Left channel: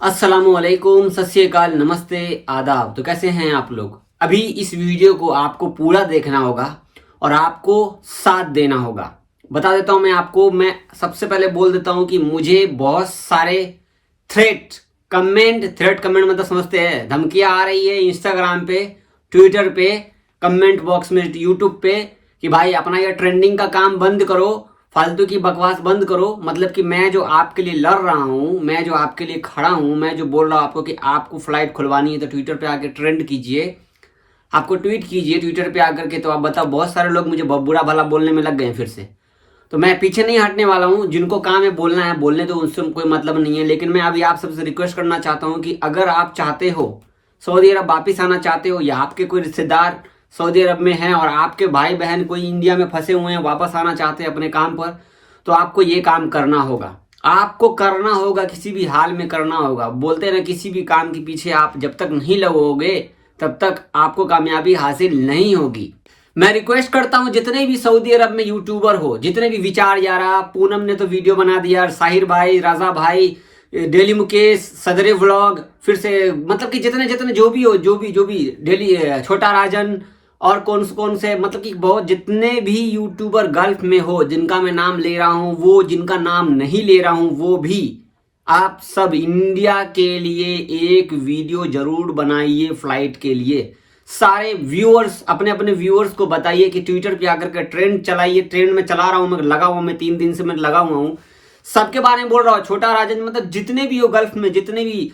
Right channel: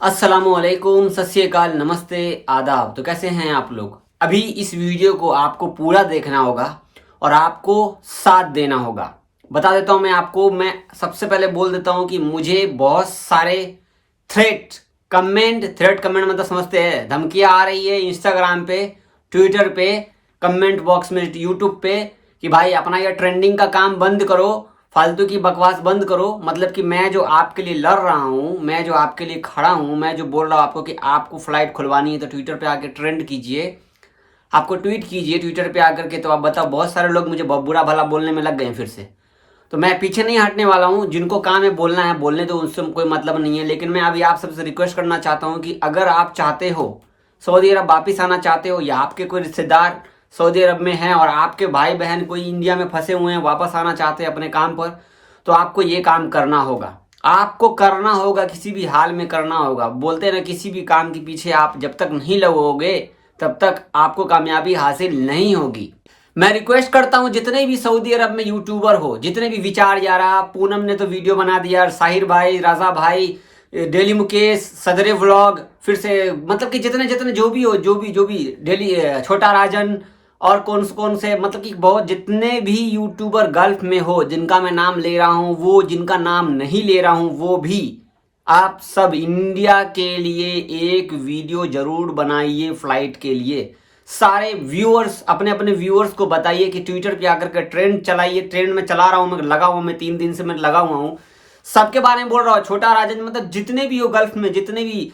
अस्सलामुअलैकुम, सत श्री अकाल, नमस्ते, आदाब। तो कैसे हैं आप लोग? अभी इस वीडियो को आपको पूरा देखना होगा और आपको साथ देना होगा। बता देता हूं मैं आपको, मैं सबसे पहले बोल देता हूं कि मुझे बहुत सारे थ्रेट कमेंट मतलब समझते हैं, धमकियां आ रही है इंस्टाग्राम पे, ट्विटर पे, कमेंट बॉक्स में, यूट्यूब पे कि भाई अपना ये ट्रेंडिंग का काम बंद करो, फालतू की बकवास बंद करो। मतलब कि मैं जो आपके लिए लड़ रहा हूं, मैं जो आपके लिए खड़ा हूं, मैं जो बोल रहा हूं आपको कि आपको फ्लाइट खुलवानी है तो ट्विटर पे आके ट्रेंड कीजिए, आपको ट्वीट कीजिए ट्विटर पे आकर के। तो आप बताओ, बहुत सारे लोग मुझे बुरा भला बोलने में लग गए हैं फिर से। तो मैं पीछे नहीं हटने वाला हूं, जिनको काम है बोलना है बोलने दो, उनसे कोई मतलब नहीं है। लेकिन मैं अभी आप सबसे रिक्वेस्ट करना चाहता हूं कि अगर आप चाहते हो सऊदी अरब वापिस आना चाहते हो, या आपके कोई रिश्तेदार सऊदी अरब में हैं और आपके भाई बहन कोई इंडिया में फंसे हुए हैं, वापस आना चाहते हैं अपने काम पर, तो आपको ये काम करना होगा। आपको करना होगा, किसी भी हाल में करना होगा। बोलते हैं ना, किसी भी काम के पीछे आप जब तक नहीं लगोगे तब तक आपको कामयाबी हासिल नहीं होगी। मैं रिक्वेस्ट करता हूं, जितने भी सऊदी अरब में यूट्यूबर हो, जितने भी विचार यारा, पूनम ने तो वीडियो बना दिया, साहिर भाई, राजा भाई, डेली मुकेश, सदरे व्लॉग, फिर से मतलब कि जितने जितने जो भी हो, जो भी डेली, छोटा राजन, और कौन से मतलब कि बहुत जितने भी यूट्यूबर गल्फ में हो, जिनका मैं नाम ले रहा हूं, वो जिनका नाम नहीं ले रहा हूं वो भी, आप सब इंडिया के लिए एक वीडियो जरूर बनाइए फ्लाइट के लिए। सारे व्यूअर्स, अपने अपने व्यूअर्स को बताइए कि ट्विटर पे आकर के ट्रेंड चलाइए। ट्रेंड में चला रहा हूं, मैं लगा हुआ, मैं 3 दिन से मैं लगा हुआ हूं, सबके बारे में बोल रहा हूं। छोटा राजन, मतलब जितने भी हो गल्फ में, जितने भी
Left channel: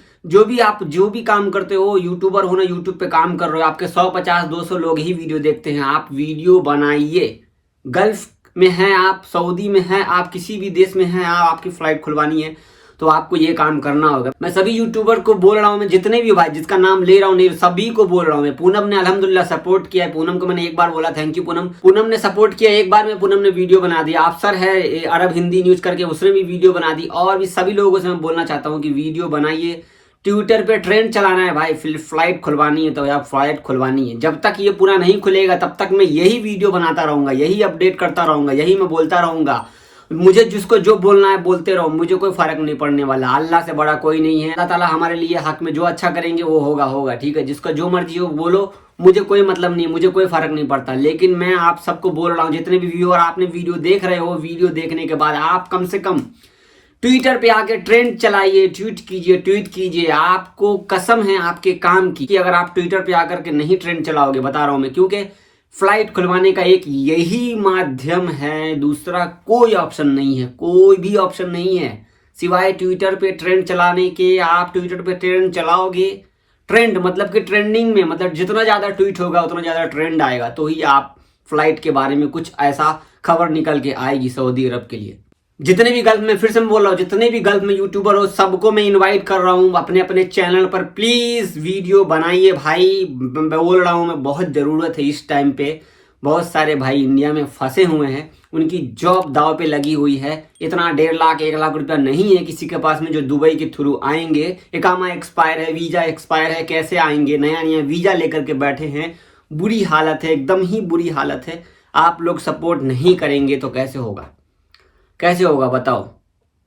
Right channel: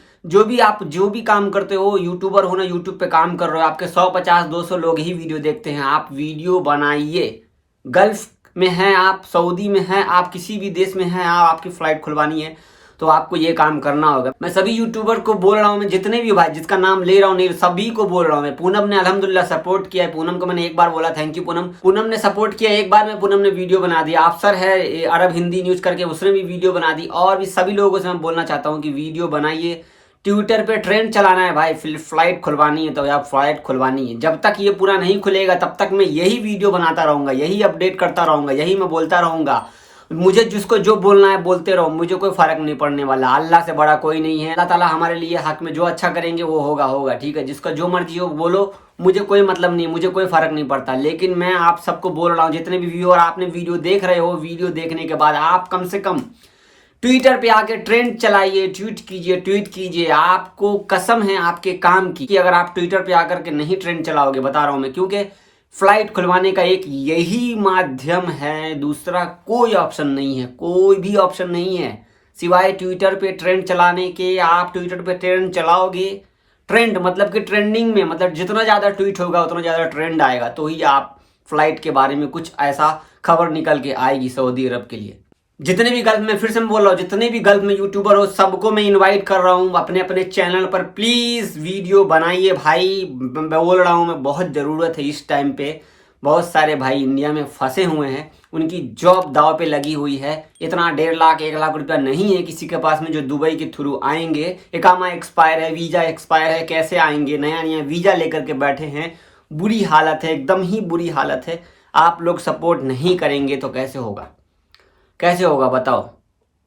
आप जो भी काम करते हो, यूट्यूबर हो ना, यूट्यूब पे काम कर रहे हो, आपके 150-200 लोग ही वीडियो देखते हैं, आप वीडियो बनाइए। गल्फ में हैं आप, सऊदी में हैं आप, किसी भी देश में हैं आप, आपकी फ्लाइट खुलवानी है तो आपको ये काम करना होगा। मैं सभी यूट्यूबर को बोल रहा हूं, मैं जितने भी भाई जिसका नाम ले रहा हूं, नहीं सभी को बोल रहा हूं मैं। पूनम ने अल्हम्दुलिल्लाह सपोर्ट किया है, पूनम को मैंने एक बार बोला थैंक यू पूनम। पूनम ने सपोर्ट किया एक बार में, पूनम ने वीडियो बना दिया। अफसर है अरब हिंदी न्यूज करके, उसने भी वीडियो बना दी। और भी सभी लोगों से मैं बोलना चाहता हूँ कि वीडियो बनाइए, ट्विटर पे ट्रेंड चलाना है भाई। फ्लाइट खुलवानी है तो यार फ्लाइट खुलवानी है। जब तक ये पूरा नहीं खुलेगा तब तक मैं यही वीडियो बनाता रहूंगा, यही अपडेट करता रहूंगा, यही मैं बोलता रहूंगा। मुझे जिसको जो बोलना है बोलते रहो, मुझे कोई फर्क नहीं पड़ने वाला। अल्लाह से बड़ा कोई नहीं है। अल्लाह ताला हमारे लिए हक में जो अच्छा करेंगे वो होगा, ठीक है। जिसका जो मर्जी हो बोलो, मुझे कोई मतलब नहीं, मुझे कोई फर्क नहीं पड़ता। लेकिन मैं आप सबको बोल रहा हूँ, जितने भी व्यूअर आपने वीडियो देख रहे हो, वीडियो देखने के बाद आप कम से कम ट्विटर पे आके ट्रेंड चलाइए, ट्वीट कीजिए। आपको कसम है आपके काम की कि अगर आप ट्विटर पे आकर के नहीं ट्रेंड चलाओगे, बता रहा हूं मैं, क्योंकि फ्लाइट खुलवाने का एक यही माध्यम है, दूसरा कोई ऑप्शन नहीं है, कोई भी ऑप्शन नहीं है सिवाय ट्विटर पे ट्रेंड चलाने के। आप ट्विटर पे ट्रेंड चलाओगे, ट्रेंड मतलब कि ट्रेंडिंग में, मतलब जितना ज्यादा ट्वीट होगा उतना ज्यादा ट्रेंड आएगा, तो ही आप फ्लाइट के बारे में कुछ ऐसा खबर निकल के आएगी सऊदी अरब के लिए। जितने भी गल्फ में, फिर से मैं बोल रहा हूँ, जितने भी गल्फ में यूट्यूबर हो, सबको मैं इनवाइट कर रहा हूँ अपने अपने चैनल पर। प्लीज वीडियो बनाइए भाई, मैं बोल रहा हूँ, मैं बहुत जरूरत है इस टाइम पे। बहुत सारे भाई इंडिया में फंसे हुए हैं, उनकी जॉब दाव पे लगी हुई है। इतना 1.5 लाख 1 लाख रुपया नहीं है किसी के पास में जो दुबई के थ्रू आएंगे। इकामा एक्सपायर है, वीजा एक्सपायर है, कैसे आएंगे? नया नया वीजा लेकर के बैठे हैं। बुरी हालत है, एकदम ही बुरी हालत है। आप लोग सपोर्ट नहीं करेंगे तो कैसे होगा, कैसे होगा बताओ?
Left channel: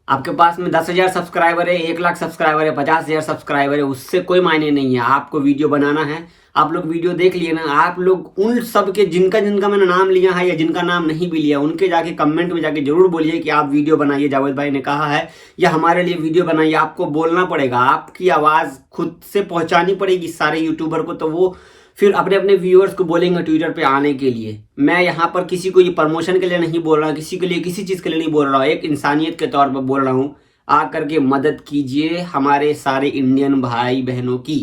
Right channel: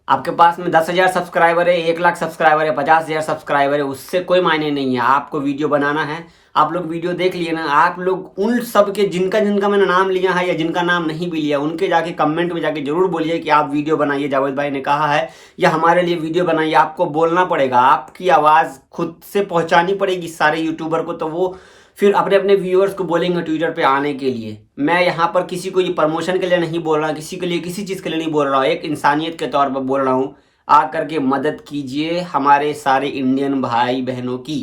आपके पास में 10,000 सब्सक्राइबर है, 1 लाख सब्सक्राइबर है, 50,000 सब्सक्राइबर है, उससे कोई मायने नहीं है। आपको वीडियो बनाना है, आप लोग वीडियो देख लिए ना। आप लोग उन सब के जिनका जिनका मैंने नाम लिया है या जिनका नाम नहीं भी लिया, उनके जाके कमेंट में जाके जरूर बोलिए कि आप वीडियो बनाइए, जावेद भाई ने कहा है, या हमारे लिए वीडियो बनाइए। आपको बोलना पड़ेगा, आपकी आवाज़ खुद से पहुंचानी पड़ेगी सारे यूट्यूबर को, तो वो फिर अपने अपने व्यूअर्स को बोलेंगे ट्विटर पे आने के लिए। मैं यहाँ पर किसी को ये प्रमोशन के लिए नहीं बोल रहा, किसी के लिए किसी चीज़ के लिए नहीं बोल रहा हूँ, एक इंसानियत के तौर पर बोल रहा हूँ। आकर के मदद कीजिए, हमारे सारे इंडियन भाई बहनों की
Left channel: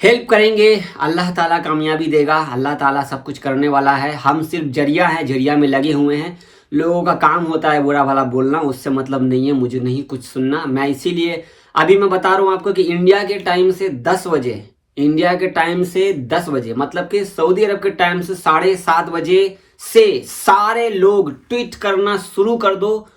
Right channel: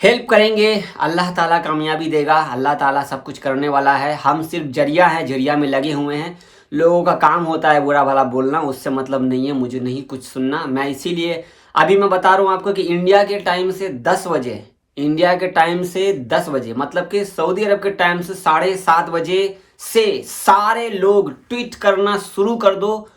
हेल्प करेंगे, अल्लाह ताला कामयाबी देगा। अल्लाह ताला सब कुछ करने वाला है, हम सिर्फ जरिया है, जरिया में लगे हुए हैं। लोगों का काम होता है बुरा भला बोलना, उससे मतलब नहीं है, मुझे नहीं कुछ सुनना। मैं इसीलिए अभी मैं बता रहा हूँ आपको कि इंडिया के टाइम से 10 बजे, इंडिया के टाइम से 10 बजे, मतलब कि सऊदी अरब के टाइम से 7:30 बजे से सारे लोग ट्वीट करना शुरू कर दो।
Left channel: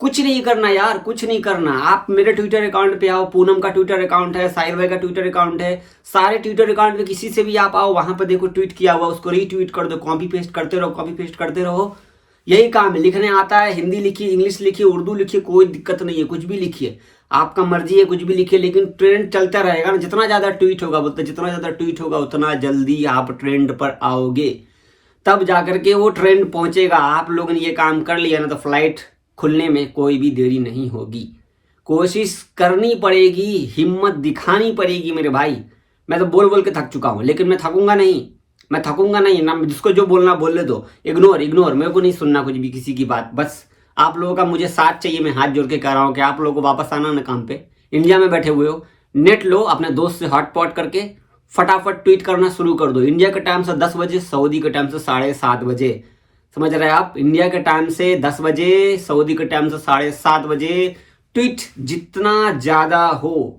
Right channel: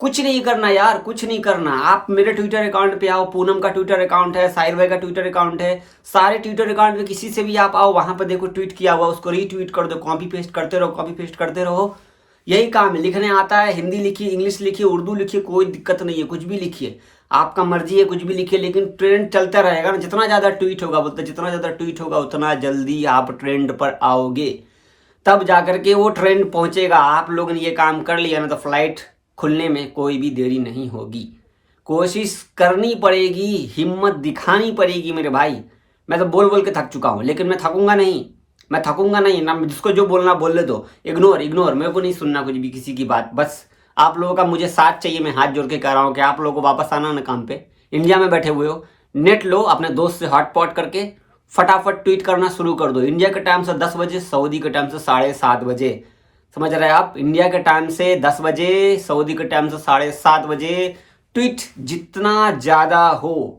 कुछ नहीं करना यार, कुछ नहीं करना। आप मेरे ट्विटर अकाउंट पे आओ, पूनम का ट्विटर अकाउंट है, साहिल भाई का ट्विटर अकाउंट है, सारे ट्विटर अकाउंट पे किसी से भी आप आओ, वहां पर देखो ट्वीट किया हुआ, उसको रीट्वीट कर दो, कॉपी पेस्ट करते रहो, कॉपी पेस्ट करते रहो। यही काम है, लिखने आता है, हिंदी लिखिए, इंग्लिश लिखिए, उर्दू लिखिए, कोई दिक्कत नहीं है, कुछ भी लिखिए, आपका मर्जी है, कुछ भी लिखिए, लेकिन ट्रेंड चलता रहेगा ना। जितना ज़्यादा ट्वीट होगा, बोलते जितना ज़्यादा ट्वीट होगा उतना जल्दी आप ट्रेंड पर आओगे, तब जाकर के वो ट्रेंड पहुंचेगा। आप लोगों ने ये काम कर लिया ना तो फ्लाइट खुलने में कोई भी देरी नहीं होगी। कोशिश करनी पड़ेगी, हिम्मत दिखानी पड़ेगी मेरे भाई। मैं तो बोल बोल के थक चुका हूँ, लेकिन मैं थकूंगा नहीं, मैं थकूंगा नहीं ना। जिसको जो बोलना बोलने दो, इग्नोर इग्नोर, मेरे को नहीं सुनना कुछ भी किसी की बात। बस आप लोगों का मुझे साथ चाहिए। मैं हाथ जोड़ के कह रहा हूँ कि आप लोगों को वापस आना ना काम पे। इंडिया में बैठे हुए हो, नेट लो, अपने दोस्त से हॉटपॉट करके फटाफट ट्वीट करना शुरू कर दो। इंडिया के टाइम से 10 बजे, सऊदी के टाइम से 7:30 बजे, समझ रहे हैं आप? इंडिया के टाइम से 10 बजे, सऊदी के टाइम से 7:30 बजे ट्वीट जितना ज़्यादा हो,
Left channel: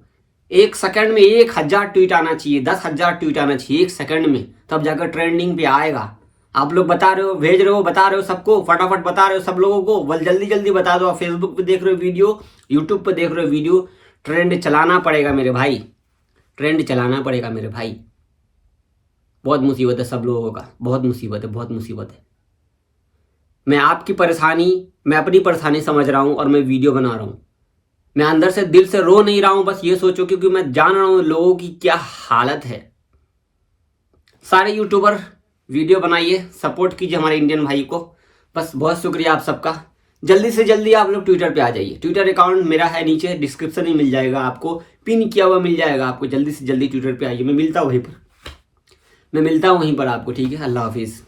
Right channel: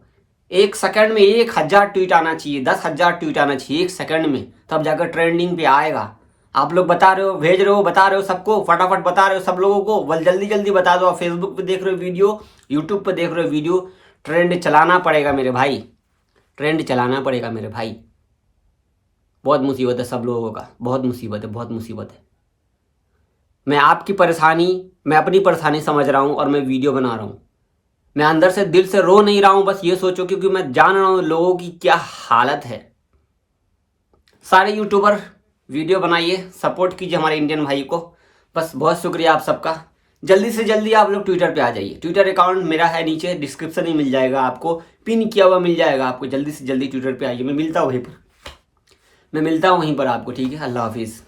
एक सेकंड में 1000 ट्वीट आना चाहिए, 10,000 ट्वीट आना चाहिए एक सेकंड में, तब जाकर ट्रेंडिंग पे आएगा। आप लोग बता रहे हो, भेज रहे हो, बता रहे हो सबको, फटाफट बता रहे हो सब लोगों को, बल जल्दी जल्दी बता दो। आप फेसबुक पे देख रहे हो वीडियो, यूट्यूब पे देख रहे हो वीडियो, ट्रेंड चलाना पड़ेगा मेरे भाई, ट्रेंड चलाना पड़ेगा मेरे भाई। बहुत मुसीबत है सब लोगों का, बहुत मुसीबत है, बहुत मुसीबत है। मैं आपकी परेशानी, मैं अपनी परेशानी समझ रहा हूँ और मैं वीडियो बना रहा हूँ। मैं अंदर से दिल से रो नहीं रहा हूँ, बस ये सोचो, क्योंकि मैं जान रहा हूँ लोगों की क्या हालत है। सारे यूट्यूबर वीडियो बनाइए, सपोर्ट कीजिए हमारे इंडियन भाई को। बस बहुत शुक्रिया आप सबका। जल्दी से जल्दी आप लोग ट्विटर पे आ जाइए। ट्विटर अकाउंट मेरा है, नीचे डिस्क्रिप्शन में मिल जाएगा आपको, पिन किया हुआ मिल जाएगा आपको। जल्दी से जल्दी ट्विटर पे आइए, मैं मिलता हूँ वहीं पर, मैं मिलता हूँ वहीं पर आपको, ठीक है? अल्लाह हाफिज़।